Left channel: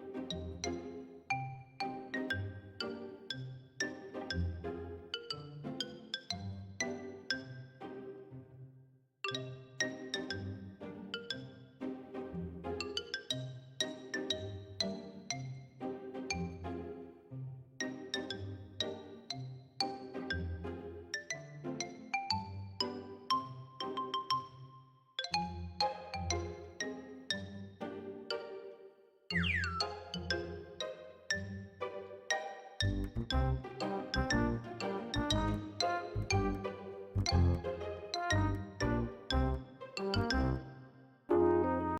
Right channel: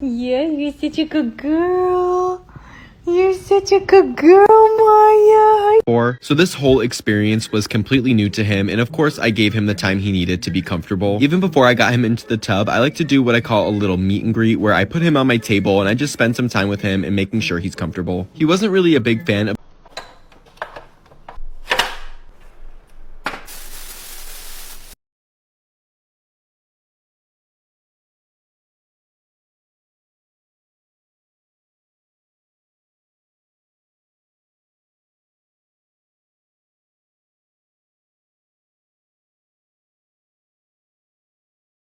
Yes, you're such a good girl. You're such a good girl, Maya. So this whole experience was completely new to him, and of course I gave him the time he needed to be comfortable. Even before I got him into the tub, I like to do what I call a little meet and greet, where I put him on my table and I just spend some time with him and making sure he's comfortable. He wasn't really a big fan of